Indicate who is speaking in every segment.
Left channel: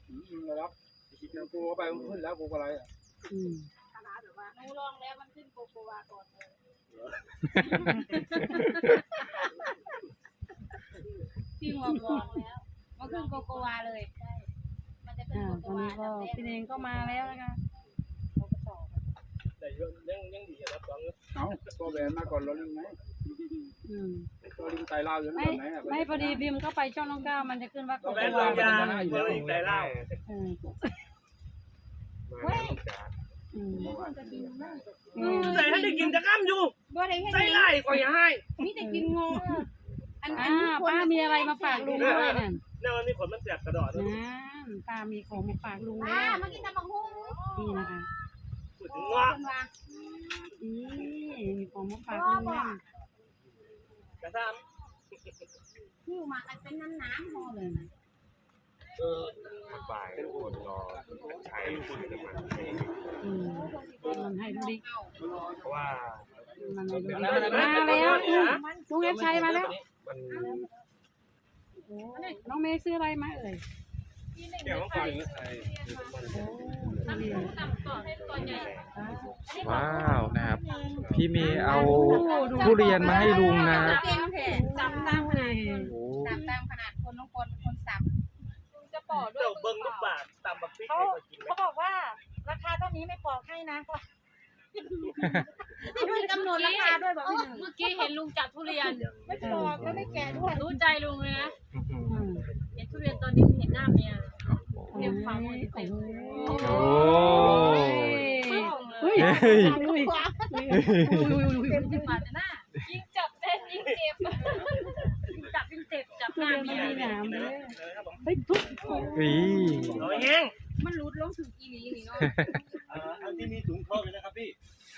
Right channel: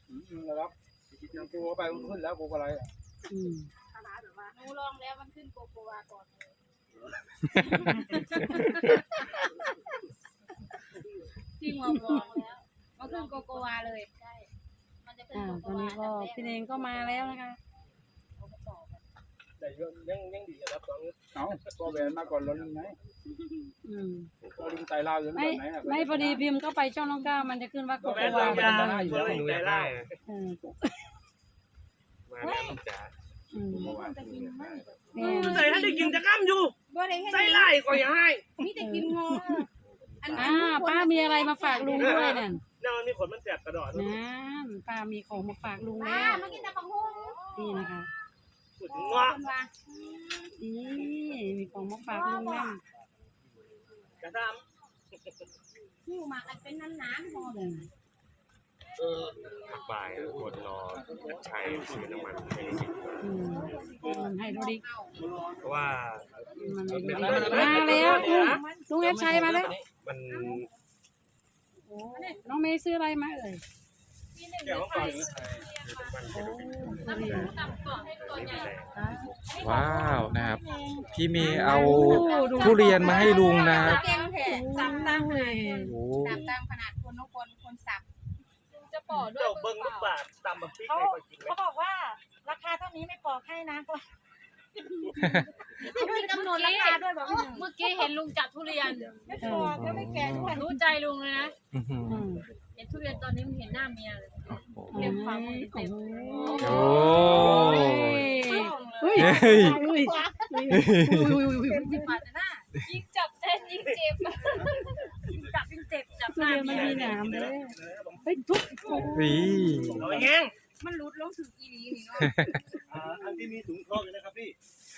Speaker 1: นะครับกูไปขึ้นแล้วกูอะไรอ่ะ
Speaker 2: หนูลองแล้วมันขึ้นโกโกวาก่อนเลยจริงลองแล้วมันขึ้นโกโกวาเลยใช่มันจะขึ้นโกโก
Speaker 3: ตอน
Speaker 2: วา
Speaker 3: นี้ก็พี่เองก็มาแล้วนะคะเราก็ต่อกัน
Speaker 4: แต่ยังดีครับสอง
Speaker 1: เอาก็แหวนมาก่อนเราลิงไงเราลิงไตลาวอยู่แบบไหนอ่ะ
Speaker 3: ไม่พอดีพิมพ์ก็ไปช่องน้องก้าวมันจะขึ้นว่า
Speaker 4: แม่ลงยาเมื่อไหร่เล่า
Speaker 5: มาแล้วจ้า
Speaker 4: ใส่ให้ได้กินจะข้ามอยู่
Speaker 2: บ่ได้ให้
Speaker 4: ใส่ไล่ก็อย่าให้
Speaker 2: มีแต่กินงออัน
Speaker 3: ป้ามีอะไรมาฝากลุงด้วยนั่น
Speaker 4: เนี่ยมันมีขนมันแสบกระดอด
Speaker 3: นั่นป้ามีของมาฝากลุง
Speaker 2: ป้า
Speaker 3: แล้ว
Speaker 2: มากินแต่บักหุ่ง
Speaker 3: นี่นะคะ
Speaker 4: พูดถึงเงาะ
Speaker 3: นี่มีของมาฝากลุงแล้ว
Speaker 4: กระท
Speaker 2: หิวมากันเป็นน้ำๆพอเลย
Speaker 5: บ่ายคนรอใช้ซื้อน้ำมัน
Speaker 3: มันให้ดูดิ
Speaker 5: เพราะว่า
Speaker 3: มันให้ดู
Speaker 4: ำ
Speaker 3: ดิ
Speaker 4: ได้ไหม
Speaker 3: มา
Speaker 4: เป็น
Speaker 3: แล้ว
Speaker 4: นี่นะ
Speaker 3: ลุงเอฟชัยมาแล้ว
Speaker 5: มัน
Speaker 3: น้องเมย์ซื้ออะไรมาเอ่ย
Speaker 4: เดี๋ยวต้องฟัง
Speaker 6: ว้าวนะครับ พี่เมย์เอาทุเรียนมาให้ลุงนะครับ
Speaker 2: เก่งแท้สับตามขนาด
Speaker 6: โอ้
Speaker 2: สับตามขนาดคนน้องคนสับ
Speaker 4: จะปอดด้วยเจ้าเบิ้งลูกบาทตำแบบพริกให้ก็กินไหม
Speaker 7: เขาบอกว่าราคาเท่านี้ไม่ปอกให้นะ
Speaker 2: มีกำหนดราคาด้วยบอกพี่หนึ่ง
Speaker 8: เมื่อกี้เห็นลุงจับทุเรียน
Speaker 7: ไม่ปอกก็ไม่แก่ด้วย
Speaker 8: รู้ใจลุงเลยนะ
Speaker 6: อื้อหือ
Speaker 8: เห็นทุเรียนตอนนี้เห็นหน้าเมียเลยเต็มฝ่ามือเต็ม
Speaker 6: โอ้
Speaker 3: เฮ้ย
Speaker 6: เฮ้ย
Speaker 8: จับปาดแต่หน้ายิ่งจับเต้นยิ่งเจ็บจับยิ่งเจ็บจับห
Speaker 3: ทุ
Speaker 8: น้า
Speaker 3: เรียน
Speaker 8: เมี
Speaker 3: ไม่
Speaker 8: ย
Speaker 3: มีหนามเลย
Speaker 4: ครับผม
Speaker 3: เฮ้ยทุก
Speaker 6: อี
Speaker 4: เอาแห้ง
Speaker 2: มันรุดลงถึงอีหลีนี่เนาะ
Speaker 4: อันที่มีถุงทองอยู่นะครับพี่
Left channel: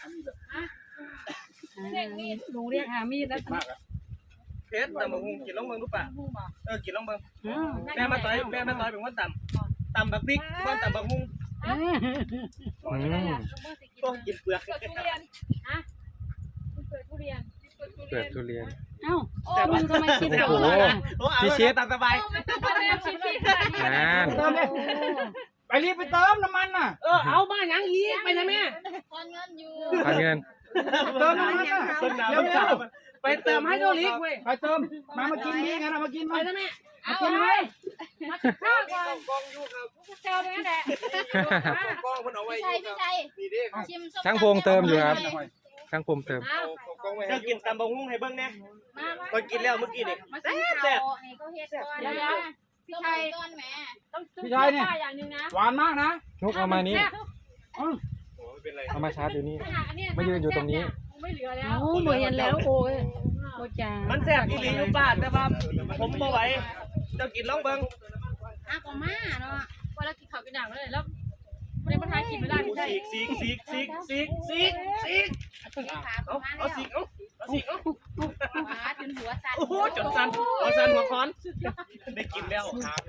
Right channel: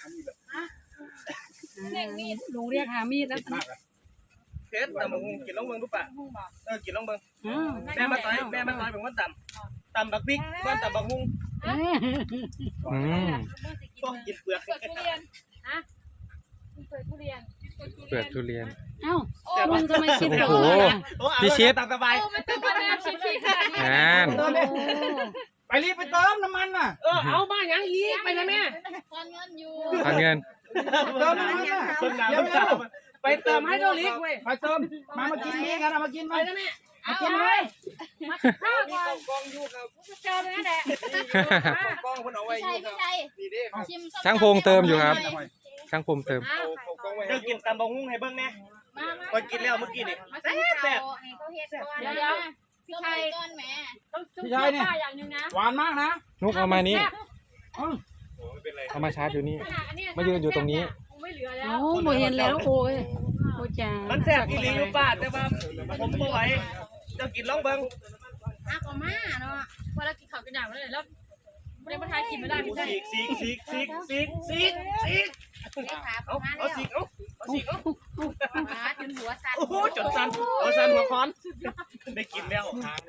Speaker 3: ลุงเรียกหามีดแล้ว
Speaker 1: มากอ่ะ
Speaker 4: เพชรตำบักหุ่งกินล่องเบิ้งรู้ป่ะกินล่องเบิ้งแม่มาต่อยเป็นว่าตำบักพริกว่าตำบักหุ่ง
Speaker 6: อืม
Speaker 4: ก็กินเปลือก
Speaker 8: เปิดทุเรียนฮะเปิดทุเรียน
Speaker 6: เปลือกทุเรียน
Speaker 3: เอ้าลุงทำไมคิด
Speaker 6: โอ้โห
Speaker 4: พี่ชิดตามสบาย
Speaker 8: ไม่ต้องมาแล้วชิคๆค่ะ
Speaker 6: นั่น
Speaker 1: ไปรีบไปเติมน้ำมันน่ะ
Speaker 4: เอามาอย่างอีกไปนะแม่
Speaker 2: ตอนเงินอยู่
Speaker 6: ทานเงิน
Speaker 1: เติมน้ำมันน่ะ
Speaker 4: ต้นน้ำไปเติมให้โดลิกเว้ย
Speaker 1: ไปเติมมากินนี่กันมากิน
Speaker 4: ไป
Speaker 1: มา
Speaker 4: นะแม่
Speaker 1: มากินไหม
Speaker 4: ข้าวกองอยู่ครับ
Speaker 8: เจอเลยนั่นแหละ
Speaker 4: กองมันเอาไว้
Speaker 2: พี่ชัย
Speaker 4: นี่เด้
Speaker 2: ชิม
Speaker 6: ช่างพงเติมอยู่ครับ ช่างพงเติม
Speaker 4: จะกินตำบักหุ่งให้เบิ้งแน่มากินแล้วเมื่อกี้นี่
Speaker 2: มาชิมข้าวให้เขาเฮ็ดก่อน
Speaker 8: เดี๋ยวพี่ชัย
Speaker 2: ก้อนแม่
Speaker 8: ต้อง
Speaker 1: พี่ชายเนี่ย
Speaker 8: อย่างนึงนะ
Speaker 1: หวานมากนะ
Speaker 6: นุกเอามานี้
Speaker 4: โอ้ไม่เป็นไร
Speaker 6: เอามาชาร์จอยู่นี่
Speaker 8: ขนาดอันนี้
Speaker 6: มายืนอยู่ตรงนี้
Speaker 8: ไม่เหลือแล้ว
Speaker 3: โอ้โหเห็นแล้วโอ้ยโอ้จา
Speaker 4: มันแซ่บอีหลีอยู่บ้านแต่ว่าผมบ่ไหวเจ้ากินลองเบิ้ง
Speaker 2: อาก็มาเนาะ
Speaker 8: พอเรากินข้าวกินหนังเลยแล้วไม่ได้มาทายกินไม่ได้พี่ชัย
Speaker 4: ซีก
Speaker 2: เลขาป
Speaker 4: เอา
Speaker 2: ระมาณ
Speaker 4: เอา
Speaker 2: แล้ว
Speaker 4: ซีกเอาซีกเอา
Speaker 2: ขาจนหัวสั่น
Speaker 4: โอ้โหจนสั่นเอาสั่นหัวคอนได้กินแล้ว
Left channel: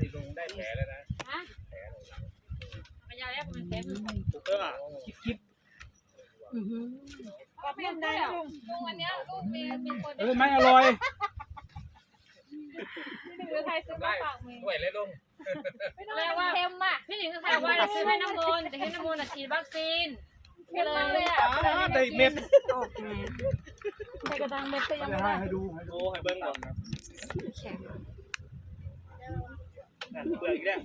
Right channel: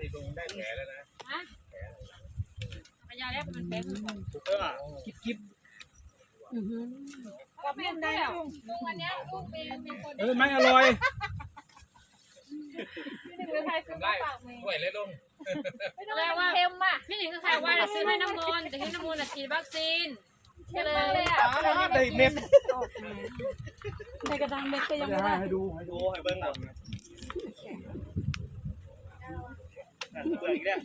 Speaker 8: พยาแล้วมันเต็ม
Speaker 4: กิ๊บ
Speaker 8: ก็ไม่ได้ลุงวันนี้ลูกมีคน
Speaker 1: ไม่อร่อย
Speaker 8: ที่หนึ่งไทยซื้อมาฝากเมย์
Speaker 5: ด้วยเลยลุง
Speaker 8: ไม่ต้องว่าเค็มอ่ะพี่หนิงก็ใครว่าจะซื้อให้น้ำมนต์แต่ให้น้ำมนต์ฉีดวัคซีนก็เลย
Speaker 4: ได้เม็ด
Speaker 3: ในกระดังเม็ดก็ยัง
Speaker 1: จะ
Speaker 3: ไม่ได้
Speaker 1: ให้ดู
Speaker 4: โอ้ให้เบิ้งก่อนเปลือกอีกแล้ว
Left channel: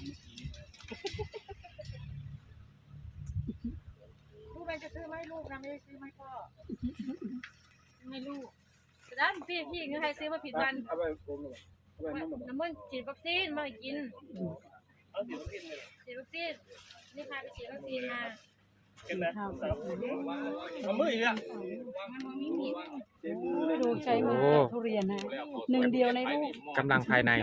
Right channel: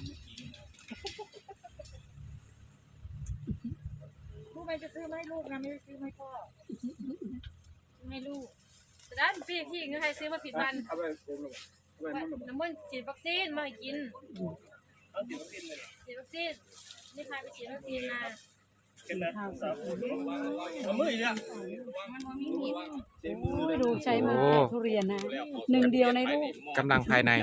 Speaker 7: ลูกไปจะซื้อไหมลูกนะไม่ได้ซื้อไหมพ่อ
Speaker 8: ให้ลูกแต่ด้านพี่ก็ใครซื้อมาผิดวัน
Speaker 1: เอาไปผมเลยเอาไปมัน
Speaker 8: น้ำมันฉีดวัคซีนมากิน
Speaker 4: เอาสีน้ำตาลเลย
Speaker 8: ฉีดวัคซีนนี่ค่ะไปฉีดวัคซีนมา
Speaker 4: กินนะเอามืออีกแล้ว
Speaker 2: มันบ่มีมีด
Speaker 1: เต็มมือเลย
Speaker 3: ดูใช้มาทุเรียนนะหนึ่งเดียวในโลก
Speaker 6: กำลังภายใน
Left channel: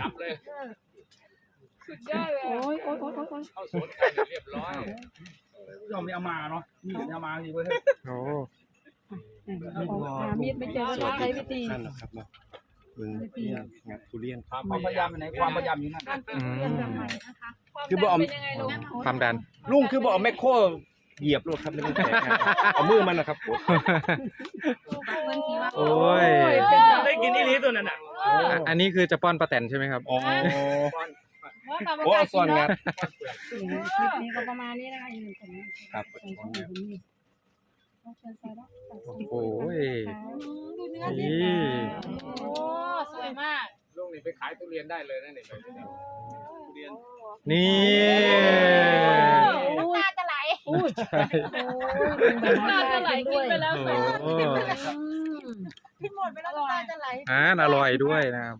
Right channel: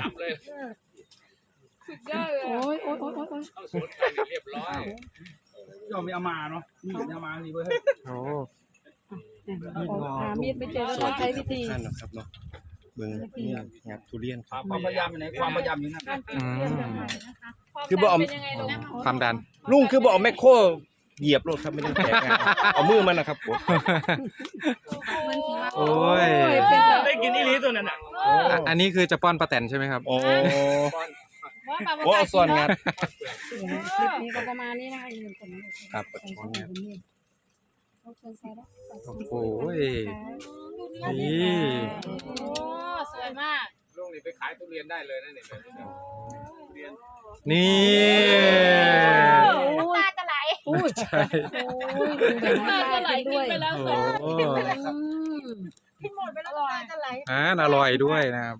Speaker 3: โอ้ยโอ้ยโอ้ยโอ้ย
Speaker 5: เอาสวนไก่เรียบร้อย
Speaker 1: เราไม่เอามาเนาะนี่เอามาสิเว้ย
Speaker 6: โอ้
Speaker 3: หามีดไม่เจอก็ใช้วิธี
Speaker 9: ท่านหรอกครับเนาะเบิ่งเนี่ยงัดทุเรียนครับ
Speaker 1: ความพยายามอยู่ไหนความพยายามอยู่นั่น
Speaker 6: อืม
Speaker 9: คือบ่เอา
Speaker 8: เป็นยังไงลุง
Speaker 6: ความดัน
Speaker 9: ลุงคือบ่เอาแมคโครเหยียบรถครับไม่ได้แตกนะเอามือมันนะครับผม
Speaker 2: เพิ่นสิว่า
Speaker 6: โอ้ย
Speaker 4: ได้กินอีหลีตัวนั้นน่ะ
Speaker 6: อันนี้คือจะป้อนปลาแตนใช่ไหมครับ
Speaker 9: โอ้โอ้เอาส่วนงาน
Speaker 3: คลิปนี้ก็ประมาณนี้นะอย่าลืมกดไลค์
Speaker 9: ครับ
Speaker 3: กดแชร์กดกระดิ่งขอบคุณสายรับ
Speaker 6: โอ้โห
Speaker 2: ดูเนื้อ
Speaker 6: นี่
Speaker 2: โอ้สวยมาก
Speaker 5: ลุงนี่ไปขายทุเรียนได้เลยนะนี่แบบนี้
Speaker 4: เรียน
Speaker 6: นี่
Speaker 2: น้ำตาจะไหล
Speaker 6: ใช่
Speaker 3: น้ำตาไหลกินไปแล้ว
Speaker 6: โอ้
Speaker 7: กินหมดไปแล้วน้ำตาจะไหล
Speaker 6: อ่านอร่อยด้วยนะครับ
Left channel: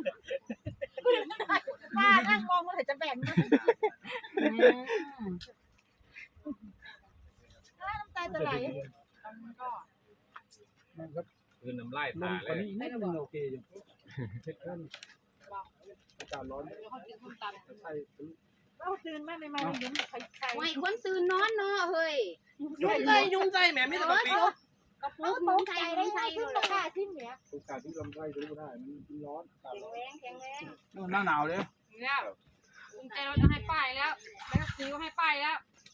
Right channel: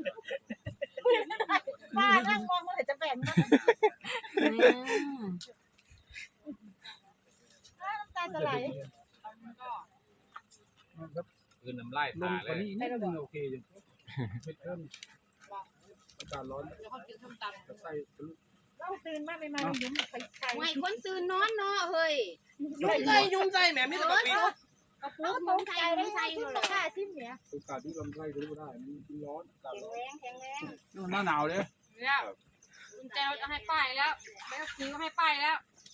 Speaker 7: ป้านั่งมองเมื่อไหร่จะแบ่งนะน้ำตาจะไหล
Speaker 1: มันครับ
Speaker 5: คือน้ำลาย
Speaker 1: ล
Speaker 5: ตาง
Speaker 1: ก
Speaker 5: เล
Speaker 1: ว่าย นี้นิดนึงโอเคอยู่เผ็ดขึ้นอากาศร้อนจะใส่ทะลุ
Speaker 7: เราตื่นมากเลยมายิ้มใส่ใส่
Speaker 2: ไม่คนตื่นนอนเนาะเฮ้ย
Speaker 4: ยุ่งใจแหมไม่ต้องปี
Speaker 2: กระปุ
Speaker 7: เรา
Speaker 2: ก
Speaker 7: ต
Speaker 2: มึง
Speaker 7: ก
Speaker 2: ใส่
Speaker 7: ใจ
Speaker 2: มึ
Speaker 7: ได้
Speaker 2: ง
Speaker 7: ไง
Speaker 2: ใส่
Speaker 7: ขึ้น
Speaker 2: เล
Speaker 7: ราย คาชิ้นเนี้ย
Speaker 1: โอกาสที่ลำไส้ทะลุได้มันร้อนอากาศร้อน
Speaker 2: แรงแข็งแรง
Speaker 1: นี่มันหน้าหนาวเลย
Speaker 8: แล้วกุญแจรถก็ให้ป้ายแล้วใบขับขี่ก็ให้ป้ายแล้ว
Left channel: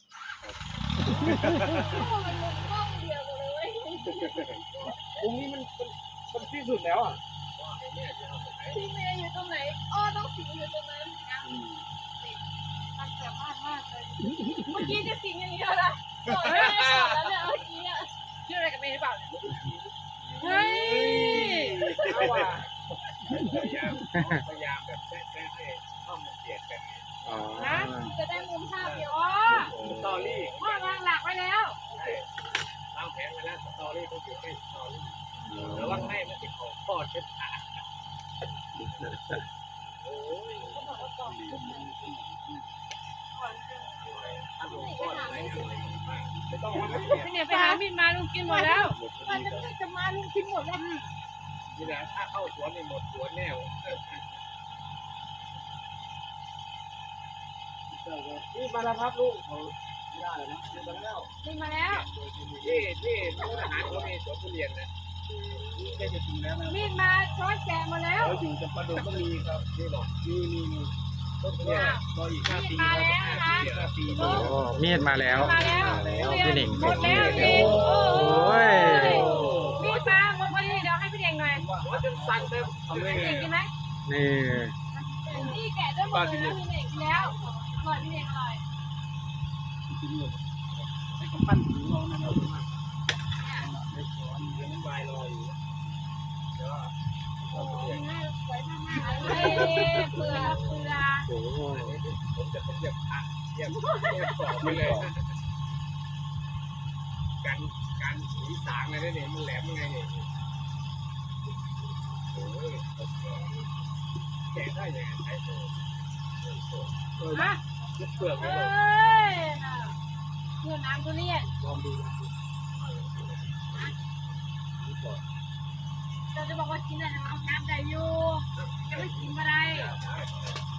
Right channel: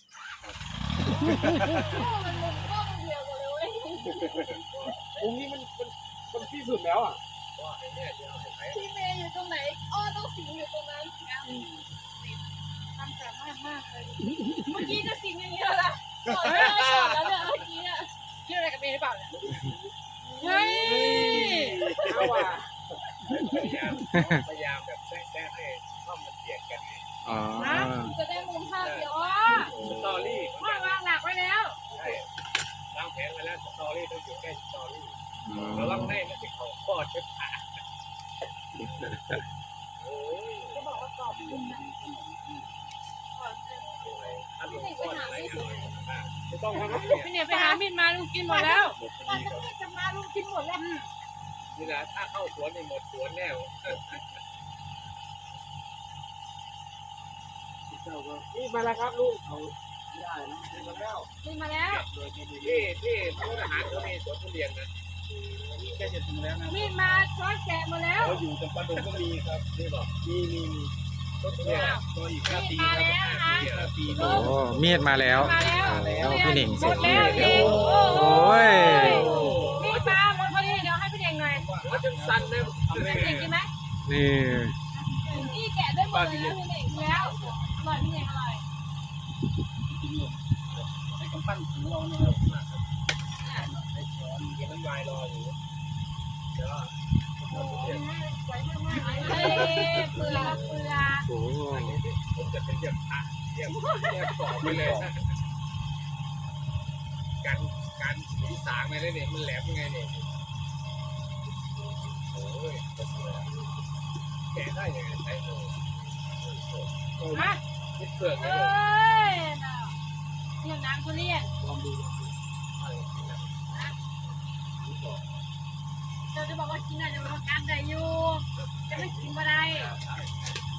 Speaker 1: องค์นี้มันที่สุดแล้วอ่ะ
Speaker 2: พี่เมย์อยู่ตรงไหนอ้อต้องสิงอยู่ตรงนั้น
Speaker 7: ความสามารถมากเลย
Speaker 2: เมื่อกี้จะสิงอย่างนี้แล้วนะแล้วเนี่ยเมื่อกี้อ่ะ
Speaker 8: ชื่ออะไรกันเมย์หรือเปล่าเนี่ย
Speaker 2: เฮ้ย
Speaker 1: เอาว่ะ
Speaker 5: พยายามแบบแทรกให้ช่องมันเบียดกัน
Speaker 6: อ๋อ
Speaker 2: จะได้มุมภาพเดียว
Speaker 8: อ๋อ
Speaker 5: สตอรี่
Speaker 8: พ่อวางหลักไว้แล้ว
Speaker 5: ใช่วางแผนไว้แล้วสตอรี่ต้องอยู่ใกล้สตอรี่ระวังให้มันจะเขาคอดเป็นขาโอ้ย
Speaker 7: ก็บอกว่ากรอบขึ้นมา
Speaker 5: ถ้าลงก้อนอะไรอร่อยมากไม่ต้องให้
Speaker 8: พี่เนี่ยไปหามีดมาลุงกินหมดแล้ว
Speaker 7: ตอนนี้จะมาลุงกินหมดแล้ว
Speaker 5: นี่นะถ้าเข้าสวนนี่หมดสวนแน่
Speaker 1: เจ้าก็นี่มาแล้วครับลูกเอาไม่ได้นะนี่มาแล้ว
Speaker 8: มีมาแล้ว
Speaker 5: โดยที่มุกทหารเขามีสวนทุเรียนนะ
Speaker 1: นี่ใกล้จะถึงแล้วนะ
Speaker 8: มีดมาช้อนแกะหมดแล้ว
Speaker 1: เราอยู่จำปาดงก็มีครับ
Speaker 5: นี่บอก
Speaker 1: มี
Speaker 5: ต้นทุเรียน
Speaker 1: รออีก5 ปี
Speaker 8: มา
Speaker 1: ครับ
Speaker 8: แล้วนะ
Speaker 1: 5 ปี
Speaker 6: โอ้มีดมาแล้ว
Speaker 8: มาแล้ว
Speaker 6: พี่หนิงส่งมีด
Speaker 8: หมด
Speaker 6: แล้ว
Speaker 8: แล้ว
Speaker 6: โอ้ย
Speaker 8: มีดมาหมดพอดีเดี๋ยวให้พี่เด่งหน่อย
Speaker 5: ว่าจะสั่นเลยทำได้
Speaker 8: พี่
Speaker 5: ไง
Speaker 8: เด่งกินไหม
Speaker 6: นี่
Speaker 8: นี่แกะได้หมดเลยนะพี่เด่งกินแล้วอร่อยพี่เด่งอร่อย
Speaker 1: ให้กำปั้นหูเรานะครับ
Speaker 5: กินน้ำลายรออยู่เดี๋ยว
Speaker 7: สวยมาก
Speaker 8: เฮ้ยเปลือกเปลือก
Speaker 6: โอ้
Speaker 5: ผมจะเป็นเรียกพระเรียกกรอบไปเลยการสีสางอะไรนี่มันแหลมยังไงนี่โอ้ยแกะได้ยังไงใช้เลยเปลือก
Speaker 8: เอ้
Speaker 5: เลย
Speaker 8: ยน่ะเนี่ยน้ำทุเรียน
Speaker 1: ลองดู
Speaker 8: เราจะบอกว่ากินอะไรจะบอกว่าการได้อยู่จะไม่กินอะไร
Speaker 5: ได้